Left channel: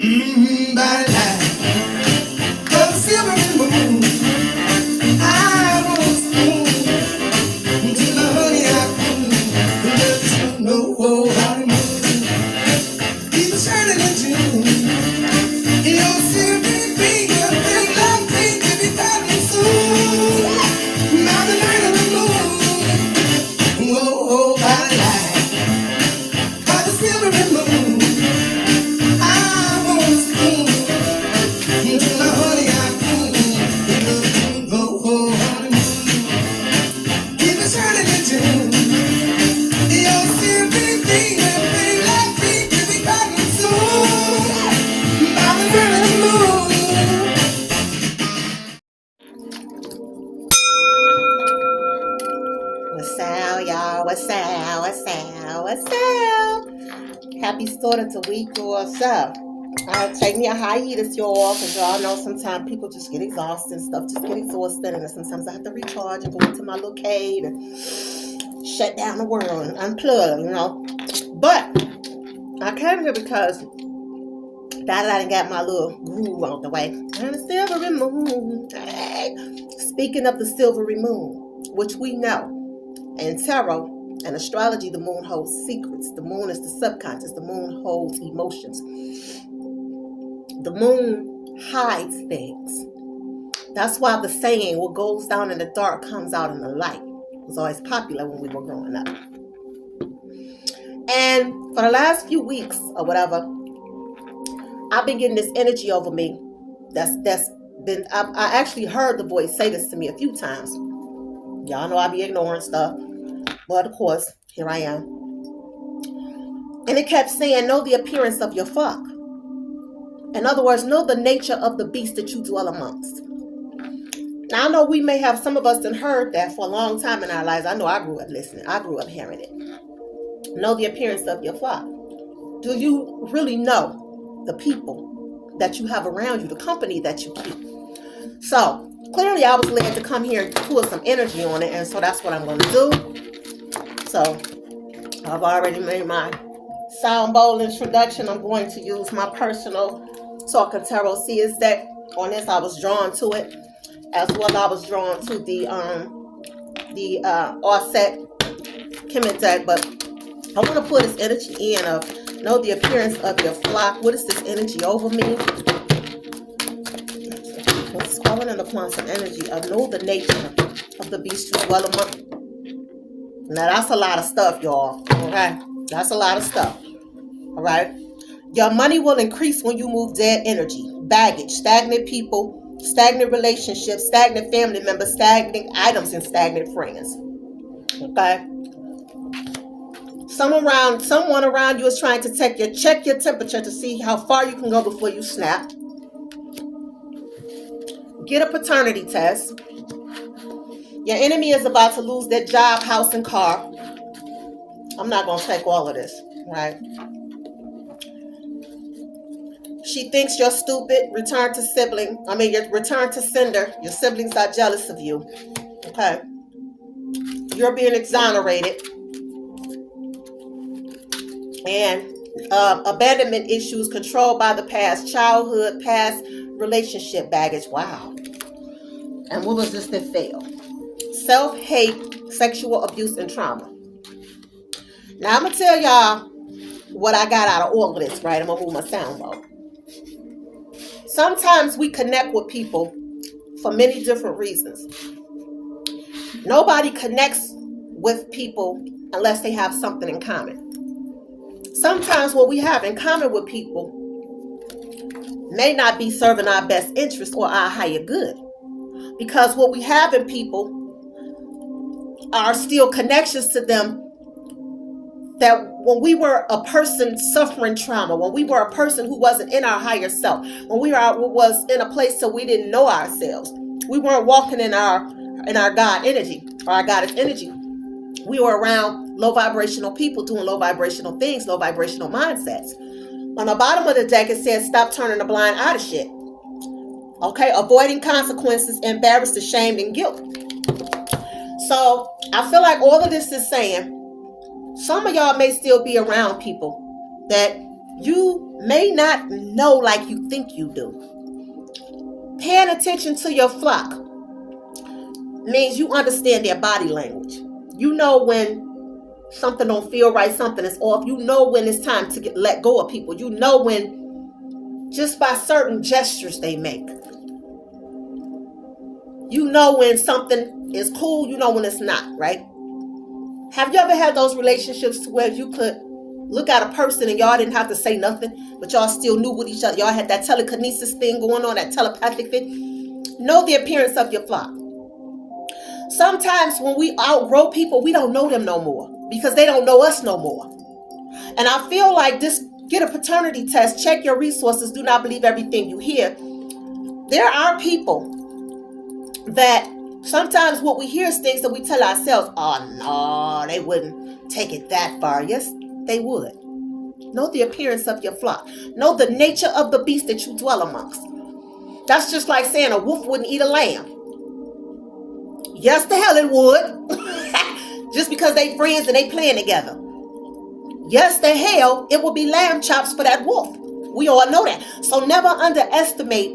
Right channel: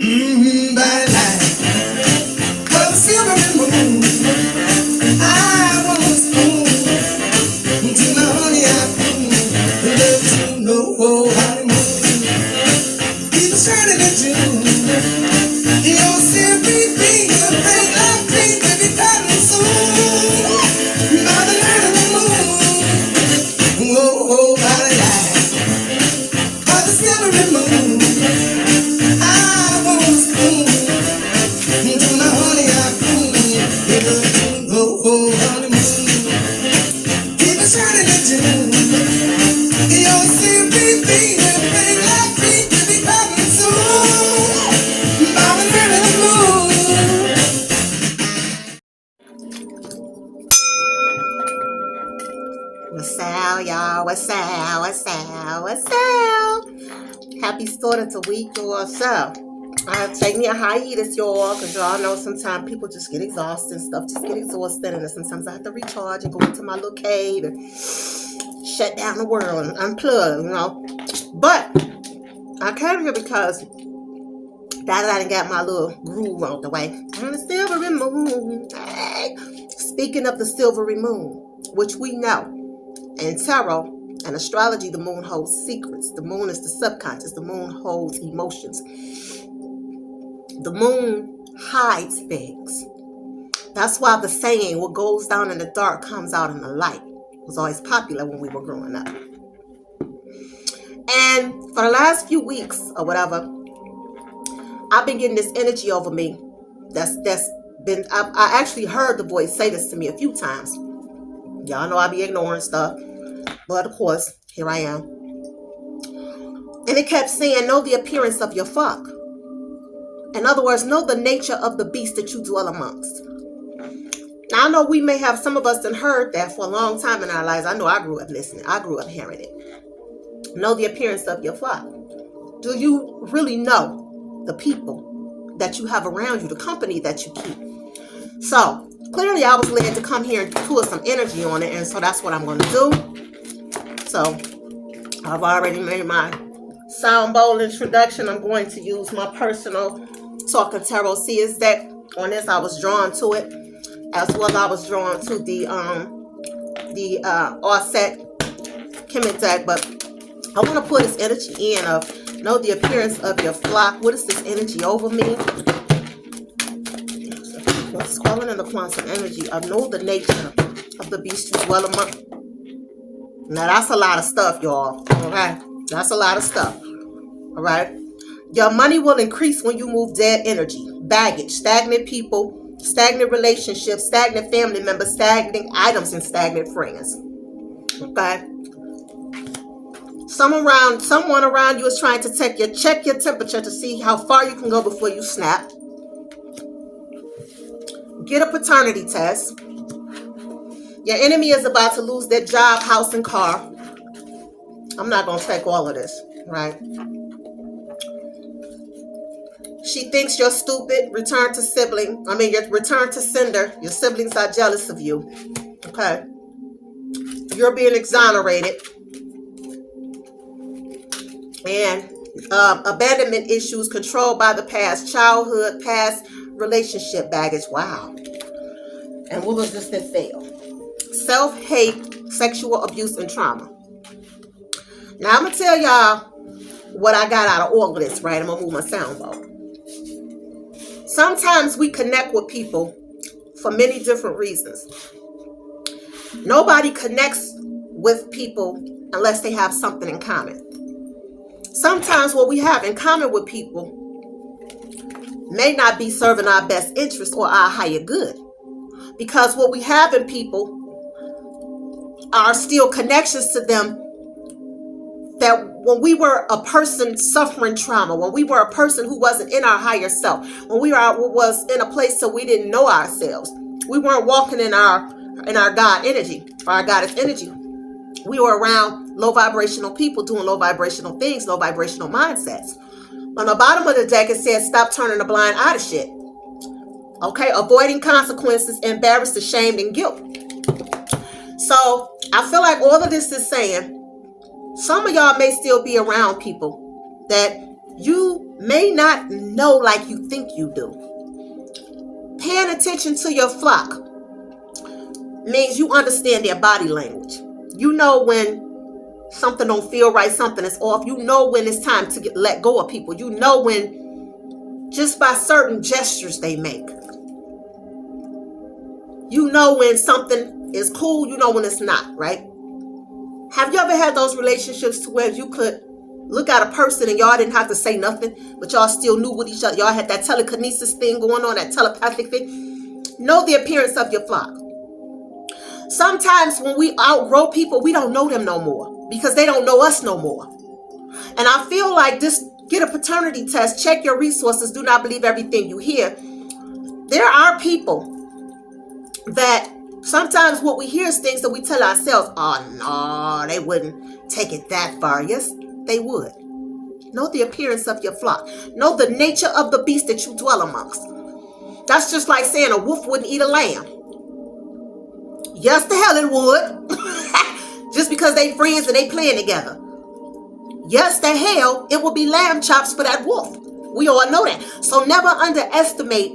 By the light of the silver moon, I want to spoon to my honey. I don't know how to move. Keep it shining at you. In your silvery finger, bring love, please, baby, darling, soon. By the light of the moon, by the light of the silver moon, I want to spoon to my honey. I don't how to move. Keep it shining at you. In your silvery finger, bring love, please, baby, darling, soon. By the light of the moon. What's up, y'all? What's up? What's up? What's up? Happy start of the week, y'all. So, take me a hiatus, y'all, because y'all know sometimes people just get exhausted and stuff. Just get exhausted, and sometimes I have to recharge and go into my little cave and shut down the world and unplug, you know. But I came here because I done got my little groove out the way. And the silvery moon. Hey. Speaking of the silvery moon, which we know in tarot and astrology, the moon holds secrets. The moon is the subconscious. The moon holds emotions. The moon hides things. That's why the saying, what goes down in the dark comes out in the light, was always popular when we were growing up. And for the last few weeks or whatever, I've been getting this energy over me. I actually heard the voice say this to me a few times. Y'all know I be ignoring stuff. But of course, here I am. And it kept saying, know the appearance of your flock. In other words, know the nature of the beast that you dwell amongst. Now, I know we may have, some of us done heard that for a long time in our lives. I know I grew up listening. I grew up hearing it. Know the appearance of your flock. Do you really know the people that you have around you, the company that you keep? So, clearly I was led to come here and pull some energy on it, and so that's what I'm going to do. So, I've already made my sound bowl introduction. I'm going to use my personal Talking Tarot Seers deck. On this, I was drawn to it, as well as I was drawn to the offset Kemet deck. But I want to put this energy in of know the appearance of your flock. What is this energy over me? It's calling in the quantum energy of know the nature of the beast you dwell among. Now that's a lot of stuff, y'all. Okay, that's a lot of stuff. All right. Your money will increase when you move dead energy, baggage, stagnant people, stagnant relationships, stagnant family members, stagnant items, and stagnant friends. Okay. Someone around you is trying to check your temperature to see how far you can go before you snap. Get a paternity test. Your enemy is about to lose their job, house, and car. I'm not going to take all of this, right? She thinks you're stupid. Return to sender. Your siblings are jealous of you. Okay. You're being exonerated. And abandonment issues controlled by the past, childhood, past relationship baggage. Wow. And what was this that failed? Self-hate, sexual abuse, and trauma. Now, I'm going to tell y'all what I got out of all of this, right? I'm going to move my sound bowl. Sometimes we connect with people for many different reasons. Nobody connects with people unless they have something in common. Sometimes what we have in common with people may not be serving our best interest or our higher good. Because what we have in people are still connections to them that when we were a person suffering trauma, when we were a person who wasn't in our higher self, when we was in a place so we didn't know ourselves, we weren't walking in our God energy, or our goddess energy. We were around low vibrational people doing low vibrational things, low vibrational mindsets. On the bottom of the deck, it says, stop turning a blind eye to shit. Okay, avoiding consequences, embarrassed, ashamed, and guilt. So I feel like all of this is saying, some of y'all may still be around people that you may not know like you think you do. Paying attention to your flock means you understand their body language. You know when something don't feel right, something is off. You know when it's time to let go of people. You know when, just by certain gestures they make. You know when something is cool, you know when it's not, right? Have you ever had those relationships where you could look at a person and y'all didn't have to say nothing, but y'all still knew what each other, y'all had that telekinesis thing going on, that telepathic thing? Know the appearance of your flock. Sometimes when we outgrow people, we don't know them no more because they don't know us no more. And I feel like this, get a paternity test, check your resources, do not believe everything you hear. There are people that sometimes what we hear is things that we tell ourselves, oh no, they wouldn't take it that far. Yes, they would. Know the appearance of your flock. Know the nature of the beast that you dwell amongst. That's just like saying a wolf wouldn't eat a lamb. Yes, the hell it would. Just because they friends and they playing together. Yes, the hell, it will be lamb chops for that wolf. We all know that. So never underestimate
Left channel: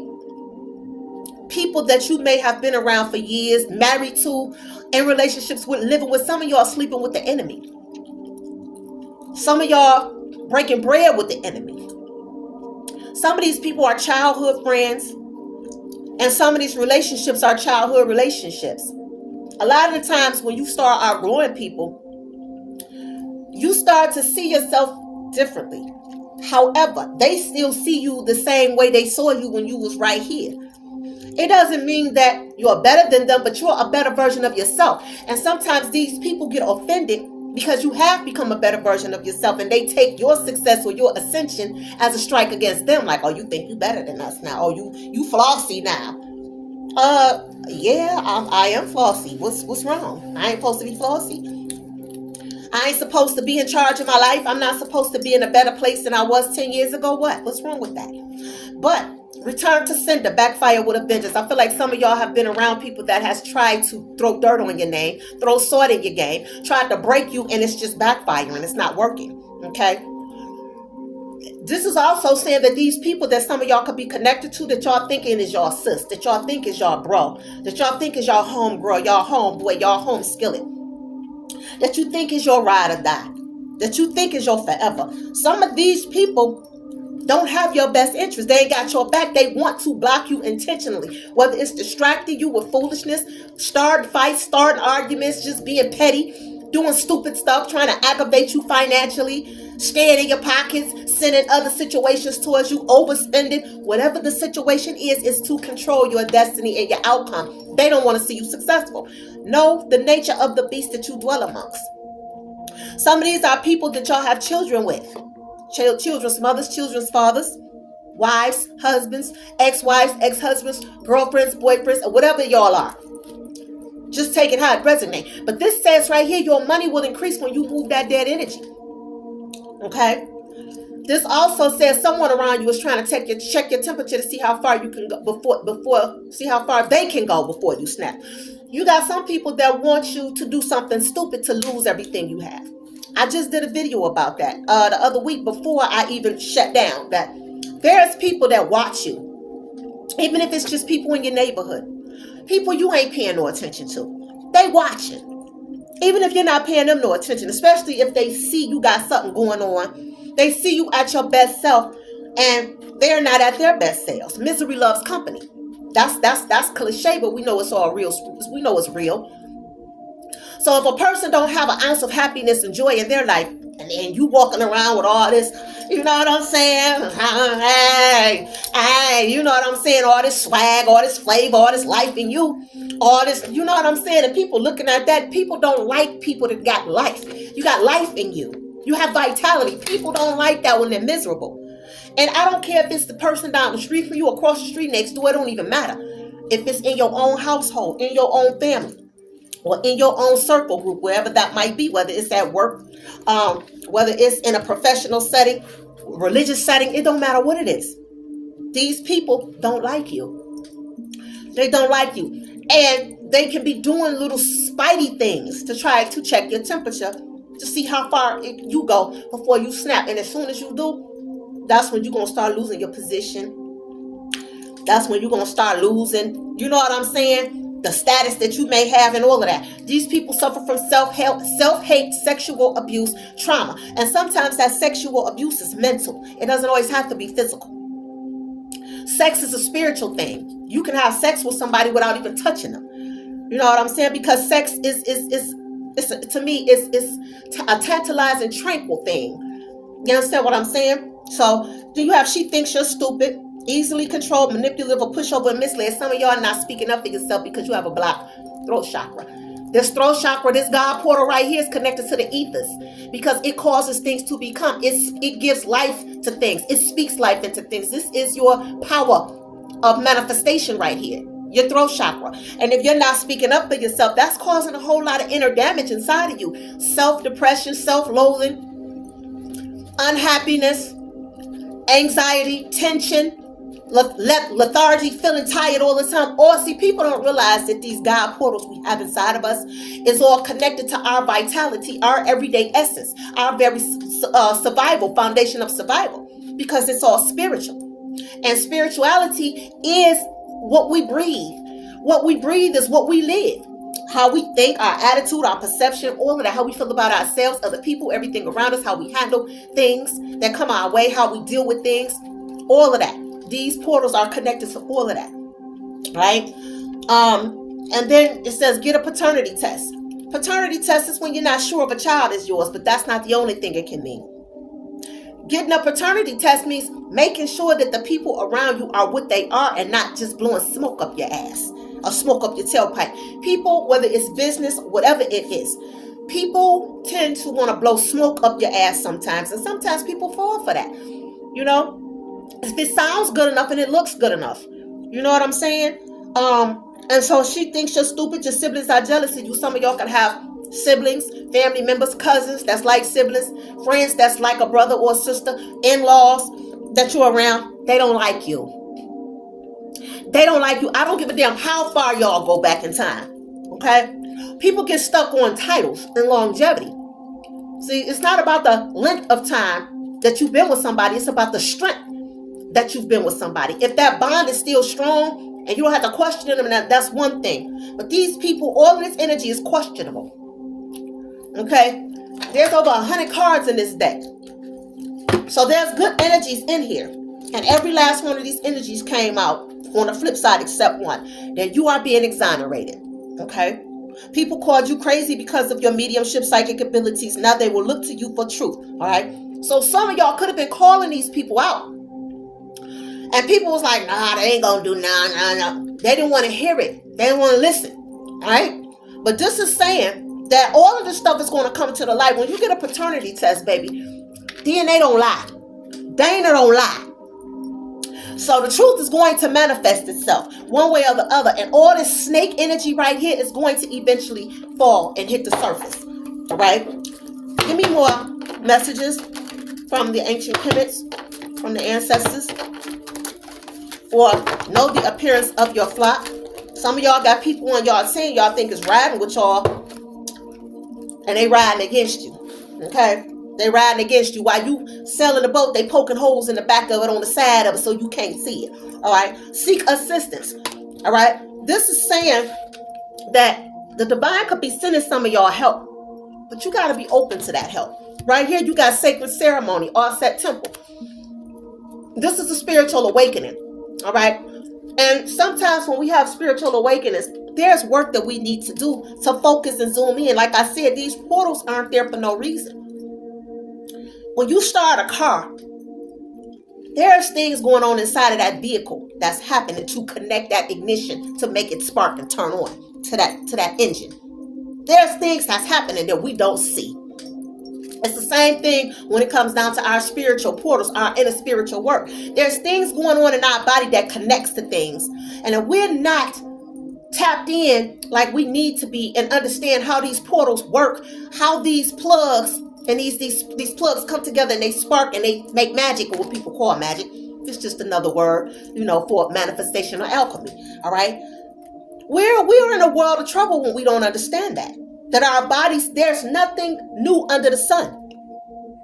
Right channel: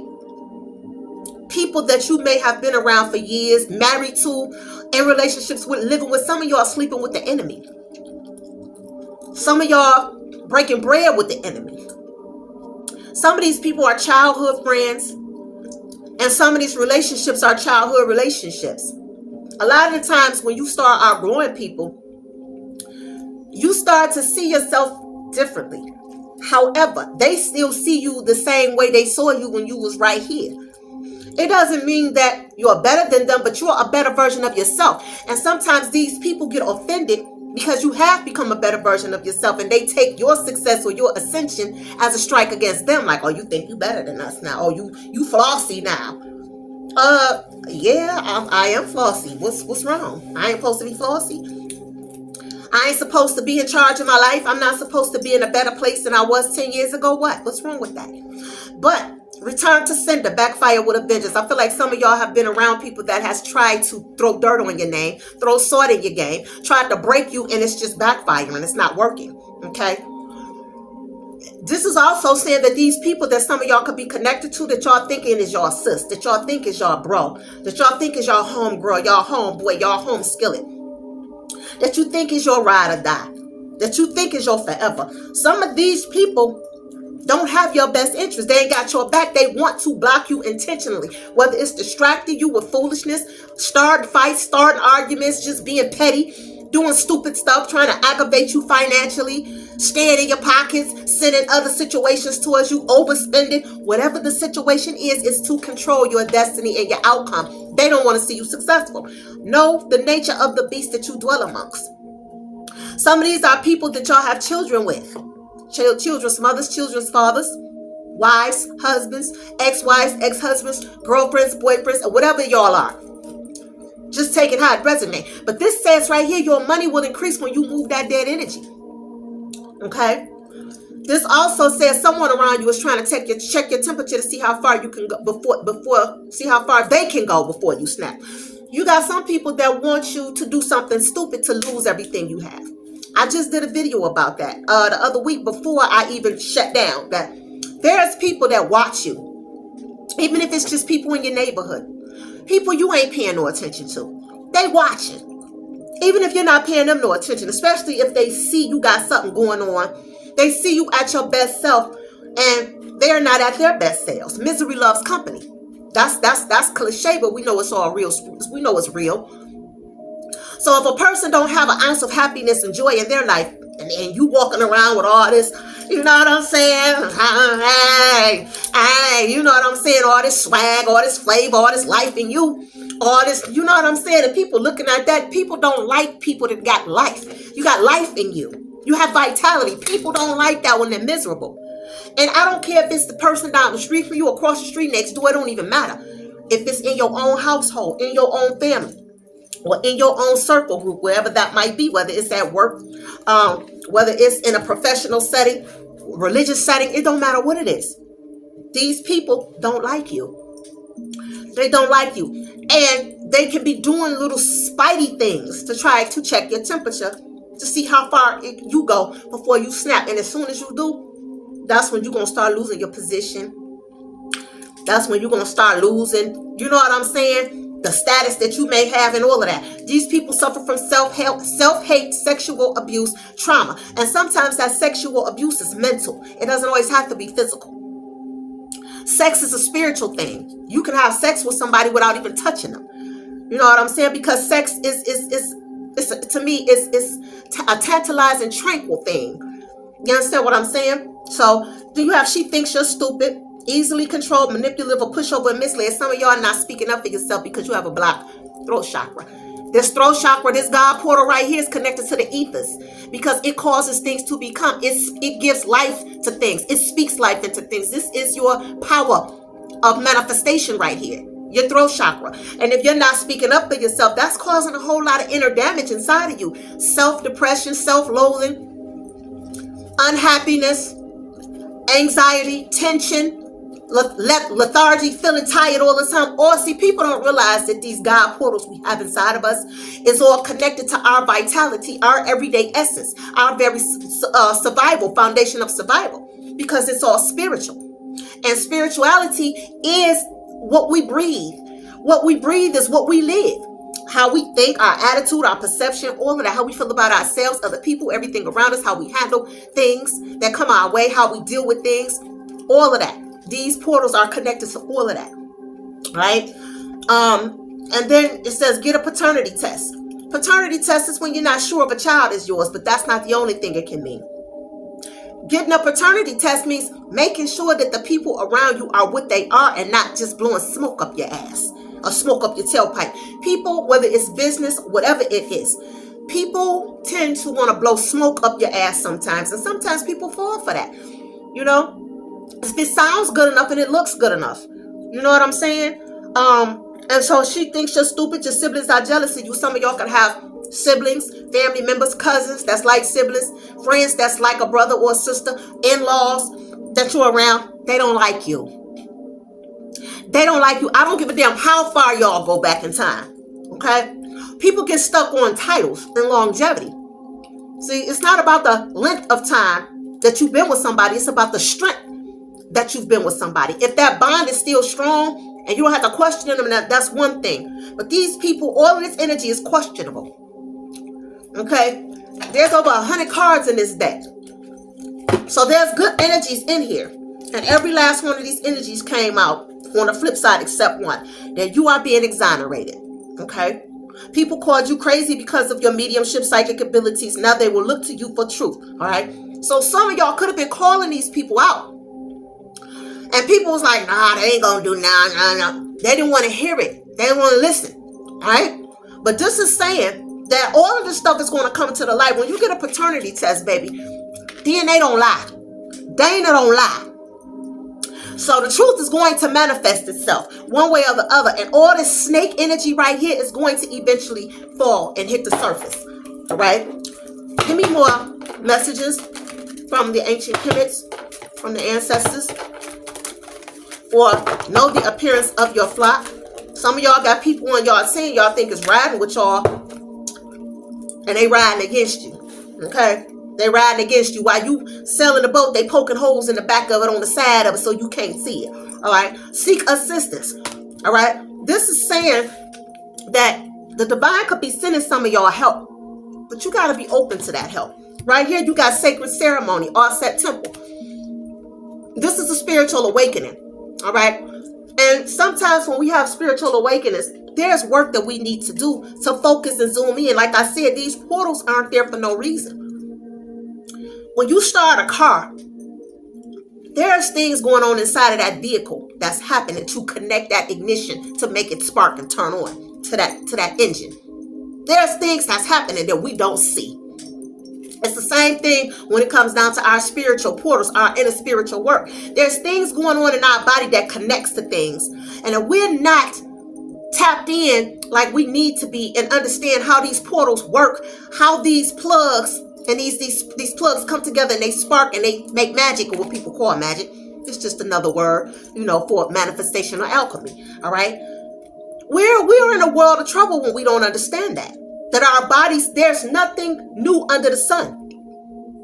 people that you may have been around for years, married to, in relationships with, living with. Some of y'all sleeping with the enemy. Some of y'all breaking bread with the enemy. Some of these people are childhood friends, and some of these relationships are childhood relationships. A lot of the times when you start outgrowing people, you start to see yourself differently. However, they still see you the same way they saw you when you was right here. It doesn't mean that you're better than them, but you're a better version of yourself. And sometimes these people get offended because you have become a better version of yourself, and they take your success or your ascension as a strike against them. Like, oh, you think you better than us now? Oh, you flossy now? Yeah, I am flossy. What's wrong? I ain't supposed to be flossy. I ain't supposed to be in charge of my life. I'm not supposed to be in a better place than I was 10 years ago. What's wrong with that? But return to sender, backfire with a vengeance. I feel like some of y'all have been around people that has tried to throw dirt on your name, throw salt in your game, tried to break you, and it's just backfiring. It's not working. Okay? This is also saying that these people that some of y'all could be connected to, that y'all thinking is y'all sis, that y'all think is y'all bro, that y'all think is y'all home girl, y'all homeboy, y'all home skillet, that you think is your ride or die, that you think is your forever. Some of these people don't have your best interest. They ain't got your back. They want to block you intentionally. Whether it's distracting you with foolishness, starting fights, starting arguments, just being petty, doing stupid stuff, trying to aggravate you financially, staying in your pockets, sending other situations towards you, overspending. Whatever the situation is to control your destiny and your outcome. They don't want to see you successful. Know the nature of the beast that you dwell amongst. Some of these are people that y'all have children with. Children's mothers, children's fathers, wives, husbands, ex-wives, ex-husbands, girlfriends, boyfriends, or whatever y'all are. Just take it how it resonates. But this says right here, your money will increase when you move that dead energy. Okay? This also says someone around you is trying to check your temperature to see how far you can go see how far they can go before you snap. You got some people that want you to do something stupid to lose everything you have. I just did a video about that the other week before I even shut down. That there's people that watch you, even if it's just people in your neighborhood, people you ain't paying no attention to. They watching, even if you're not paying them no attention. Especially if they see you got something going on, they see you at your best self, and they're not at their best selves. Misery loves company. That's cliche, but we know it's all real. We know it's real. So if a person don't have an ounce of happiness and joy in their life, and you walking around with all this, you know what I'm saying? Hey, you know what I'm saying? All this swag, all this flavor, all this life in you, all this, you know what I'm saying? And people looking at that, people don't like people that got life. You got life in you. You have vitality. People don't like that when they're miserable. And I don't care if it's the person down the street from you, across the street next door, it don't even matter. If it's in your own household, in your own family, or in your own circle group, wherever that might be, whether it's at work, whether it's in a professional setting, religious setting, it don't matter what it is. These people don't like you. They don't like you. And they can be doing little spidey things to try to check your temperature, to see how far you go before you snap. And as soon as you do, That's when you're going to start losing your position. That's when you're going to start losing, you know what I'm saying, the status that you may have and all of that. These people suffer from self-hate, sexual abuse, trauma. And sometimes that sexual abuse is mental. It doesn't always have to be physical. Sex is a spiritual thing. You can have sex with somebody without even touching them. You know what I'm saying? Because sex to me, is a tantalizing, tranquil thing. You understand what I'm saying? So, she thinks you're stupid, easily controlled, manipulative, or pushover, and misled. Some of y'all are not speaking up for yourself because you have a blocked throat chakra. This throat chakra, this God portal right here is connected to the ethers because it causes things to become. It gives life to things. It speaks life into things. This is your power of manifestation right here, your throat chakra. And if you're not speaking up for yourself, that's causing a whole lot of inner damage inside of you. Self-depression, self-loathing, unhappiness, anxiety, tension, lethargy, feeling tired all the time. Or see, people don't realize that these God portals we have inside of us is all connected to our vitality, our everyday essence, our very survival, foundation of survival, because it's all spiritual. And spirituality is what we breathe. What we breathe is what we live. How we think, our attitude, our perception, all of that, how we feel about ourselves, other people, everything around us, how we handle things that come our way, how we deal with things, all of that. These portals are connected to all of that, right? And then it says get a paternity test. Paternity test is when you're not sure if a child is yours, but that's not the only thing it can mean. Getting a paternity test means making sure that the people around you are what they are and not just blowing smoke up your ass or smoke up your tailpipe. People, whether it's business, whatever it is, people tend to want to blow smoke up your ass sometimes, and sometimes people fall for that. You know, if it sounds good enough and it looks good enough, you know what I'm saying? And so she thinks you're stupid. Your siblings are jealous of you. Some of y'all can have siblings, family members, cousins that's like siblings, friends that's like a brother or sister, in-laws that you're around. They don't like you. They don't like you. I don't give a damn how far y'all go back in time. Okay? People get stuck on titles and longevity. See, it's not about the length of time that you've been with somebody. It's about the strength that you've been with somebody. If that bond is still strong and you don't have to question them, that's one thing. But these people, all of this energy is questionable. Okay? There's over 100 cards in this deck. So there's good energies in here. And every last one of these energies came out on the flip side except one. Then you are being exonerated. Okay? People called you crazy because of your mediumship, psychic abilities. Now they will look to you for truth. All right? So some of y'all could have been calling these people out. And people was like, nah, they ain't gonna do nah. They didn't want to hear it. They didn't want to listen. All right? But this is saying that all of this stuff is going to come to the light. When you get a paternity test, baby, DNA don't lie. Dana don't lie. So the truth is going to manifest itself one way or the other. And all this snake energy right here is going to eventually fall and hit the surface. All right? Give me more messages from the ancient planets, from the ancestors. Or know the appearance of your flock. Some of y'all got people on y'all team y'all think is riding with y'all. And they riding against you. Okay? They riding against you. While you sailing the boat, they poking holes in the back of it, on the side of it, so you can't see it. All right? Seek assistance. All right? This is saying that the divine could be sending some of y'all help. But you got to be open to that help. Right here, you got sacred ceremony, offset temple. This is a spiritual awakening. All right? And sometimes when we have spiritual awakenings, there's work that we need to do to focus and zoom in. Like I said, these portals aren't there for no reason. When you start a car, there's things going on inside of that vehicle that's happening to connect that ignition to make it spark and turn on to that engine. There's things that's happening that we don't see. It's the same thing when it comes down to our spiritual portals, our inner spiritual work. There's things going on in our body that connects to things. And if we're not tapped in like we need to be and understand how these portals work, how these plugs and these plugs come together and they spark and they make magic, or what people call magic. It's just another word, for manifestation or alchemy. All right? We're in a world of trouble when we don't understand that our bodies, there's nothing new under the sun.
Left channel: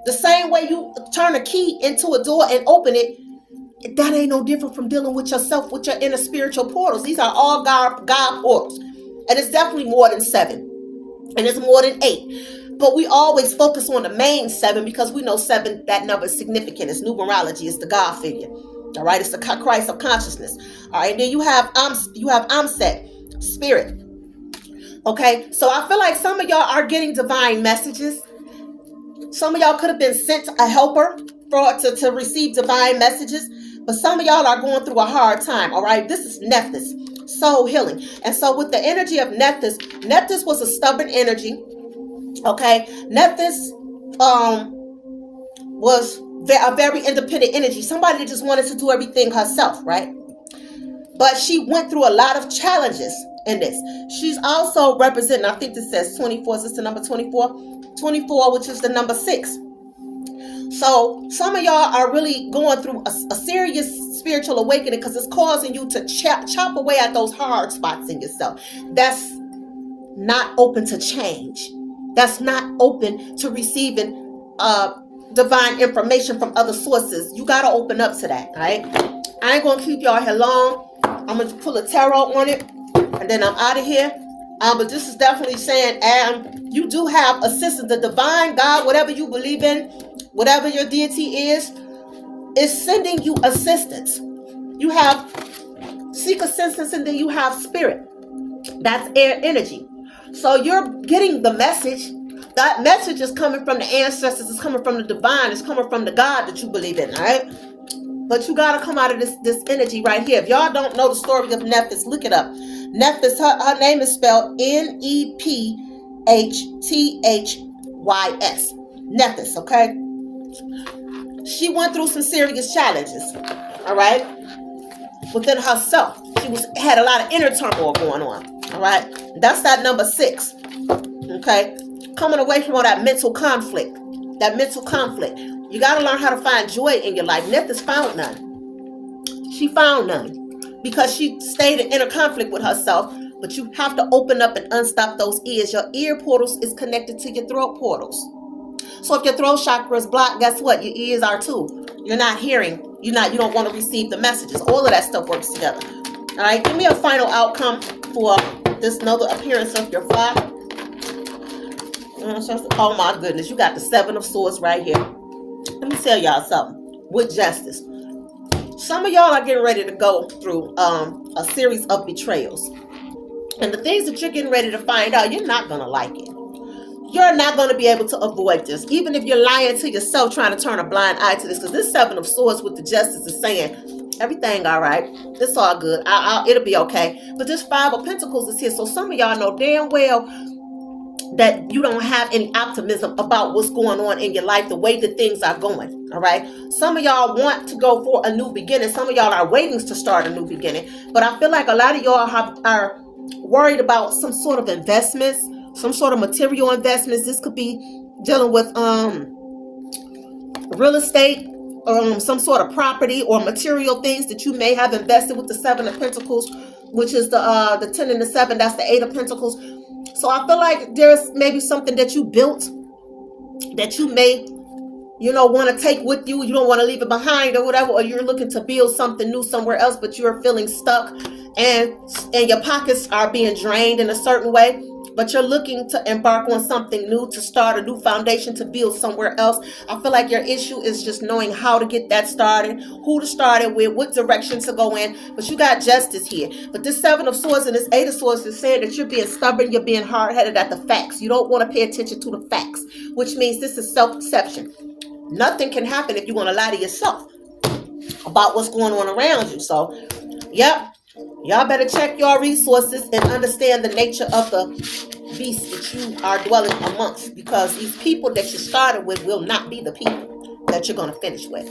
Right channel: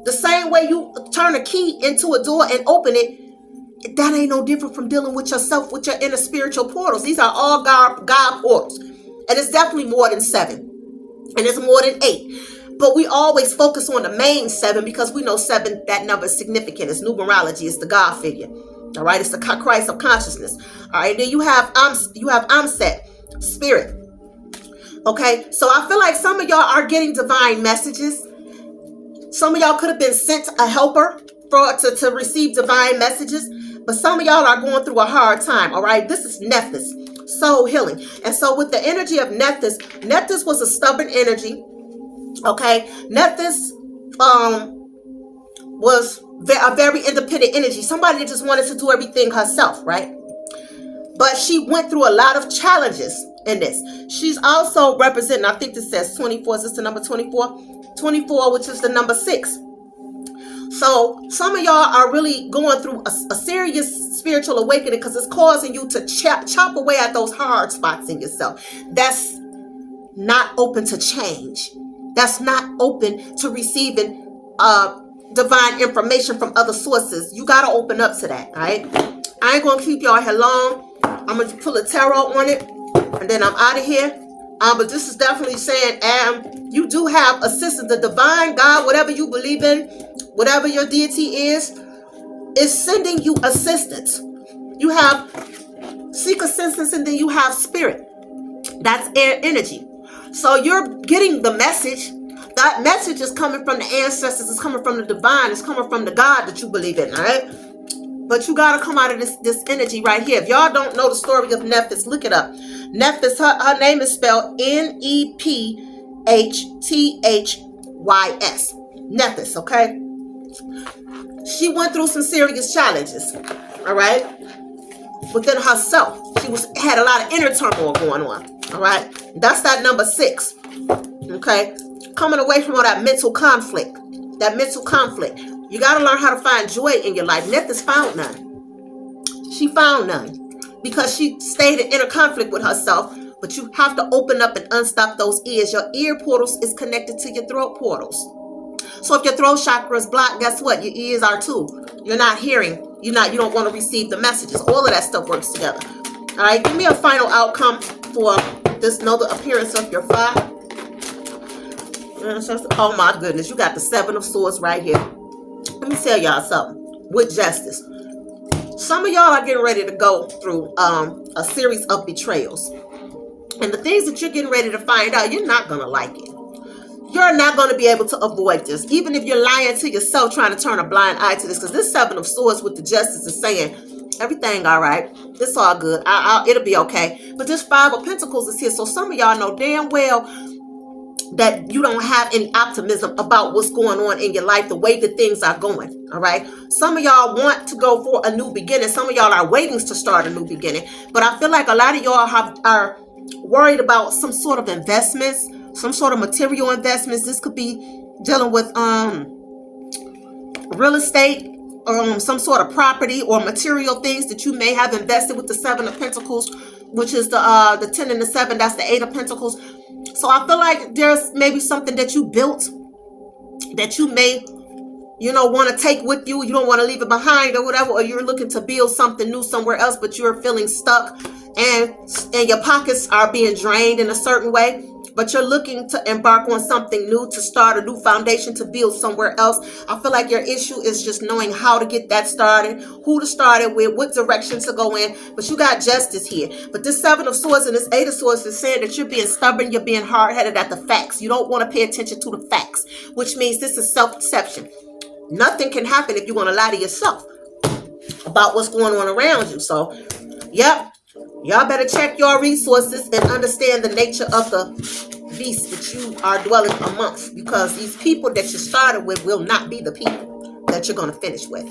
The same way you turn a key into a door and open it, that ain't no different from dealing with yourself, with your inner spiritual portals. These are all God portals. And it's definitely more than 7. And it's more than 8. But we always focus on the main 7 because we know 7, that number is significant. It's numerology. It's the God figure. All right. It's the Christ of consciousness. All right. Then you have Amset, spirit. Okay. So I feel like some of y'all are getting divine messages. Some of y'all could have been sent a helper to receive divine messages. But some of y'all are going through a hard time. All right. This is Nephthys, soul healing. And so with the energy of Nephthys was a stubborn energy. Okay. Nephthys was a very independent energy. Somebody that just wanted to do everything herself, right? But she went through a lot of challenges in this. She's also representing, I think this says 24. Is this the number 24? 24, which is the number 6. So some of y'all are really going through a serious spiritual awakening because it's causing you to chop away at those hard spots in yourself. That's not open to change. That's not open to receiving divine information from other sources. You got to open up to that, all right? I ain't going to keep y'all here long. I'm going to pull a tarot on it, and then I'm out of here. But this is definitely saying you do have assistance. The divine God, whatever you believe in, whatever your deity is sending you assistance. You have seek assistance, and then you have spirit. That's air energy. So you're getting the message. That message is coming from the ancestors. It's coming from the divine. It's coming from the God that you believe in, all right? But you got to come out of this energy right here. If y'all don't know the story of Nephthys, look it up. Nephthys, her name is spelled Nephthys. Nephthys, okay? She went through some serious challenges, all right? Within herself. She had a lot of inner turmoil going on, all right? That's that number 6, okay? Coming away from all that mental conflict. That mental conflict. You got to learn how to find joy in your life. Nephthys found none. She found none because she stayed in inner conflict with herself. But you have to open up and unstop those ears. Your ear portals is connected to your throat portals. So if your throat chakra is blocked, guess what? Your ears are too. You're not hearing. You don't want to receive the messages. All of that stuff works together. All right, give me a final outcome for this another appearance of your fire. Oh my goodness, you got the 7 of Swords right here. Let me tell y'all something. With justice, some of y'all are getting ready to go through a series of betrayals. And the things that you're getting ready to find out, you're not going to like it. You're not going to be able to avoid this. Even if you're lying to yourself, trying to turn a blind eye to this. Because this 7 of Swords with the Justice is saying, everything all right. It's all good. It'll be okay. But this 5 of Pentacles is here. So some of y'all know damn well that you don't have any optimism about what's going on in your life, the way that things are going, all right? Some of y'all want to go for a new beginning. Some of y'all are waiting to start a new beginning. But I feel like a lot of y'all are worried about some sort of investments, some sort of material investments. This could be dealing with real estate, some sort of property or material things that you may have invested with the 7 of Pentacles, which is the 10 and the 7. That's the 8 of Pentacles. So I feel like there's maybe something that you built that you may, want to take with you. You don't want to leave it behind or whatever, or you're looking to build something new somewhere else, but you're feeling stuck and your pockets are being drained in a certain way. But you're looking to embark on something new, to start a new foundation, to build somewhere else. I feel like your issue is just knowing how to get that started, who to start it with, what direction to go in. But you got justice here. But this 7 of Swords and this 8 of Swords is saying that you're being stubborn, you're being hard-headed at the facts. You don't want to pay attention to the facts, which means this is self-deception. Nothing can happen if you want to lie to yourself about what's going on around you. So, yep. Y'all better check your resources and understand the nature of the beast that you are dwelling amongst, because these people that you started with will not be the people that you're going to finish with.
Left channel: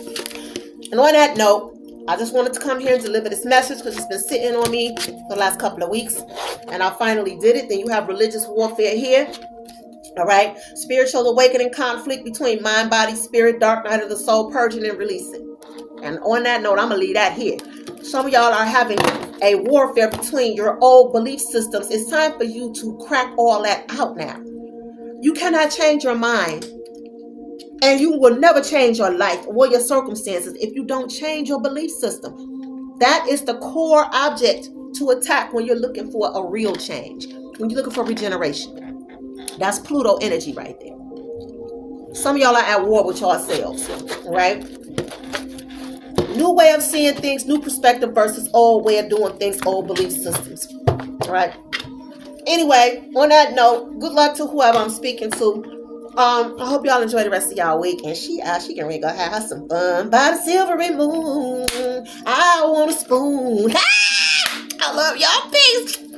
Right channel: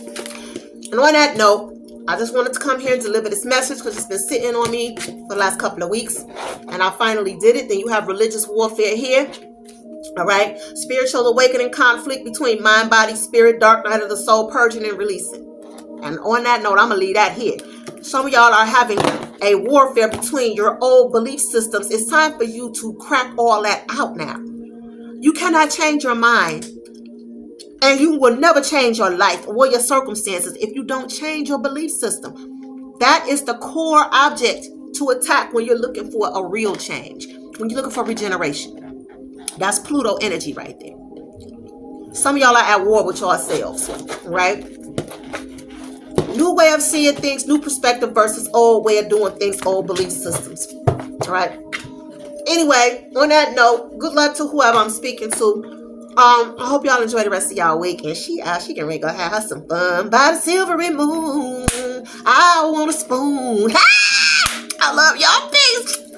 And on that note, I just wanted to come here and deliver this message because it's been sitting on me for the last couple of weeks, and I finally did it. Then you have religious warfare here. All right. Spiritual awakening, conflict between mind, body, spirit, dark night of the soul, purging and releasing. And on that note, I'm going to leave that here. Some of y'all are having a warfare between your old belief systems. It's time for you to crack all that out now. You cannot change your mind And you will never change your life or your circumstances if you don't change your belief system. That is the core object to attack when you're looking for a real change, when you're looking for regeneration. That's Pluto energy right there. Some of y'all are at war with yourselves, right? New way of seeing things, new perspective versus old way of doing things, old belief systems, right? Anyway, on that note, good luck to whoever I'm speaking to. I hope y'all enjoy the rest of y'all week. And she can really go have her some fun by the silvery moon. I want a spoon. I love y'all. Peace.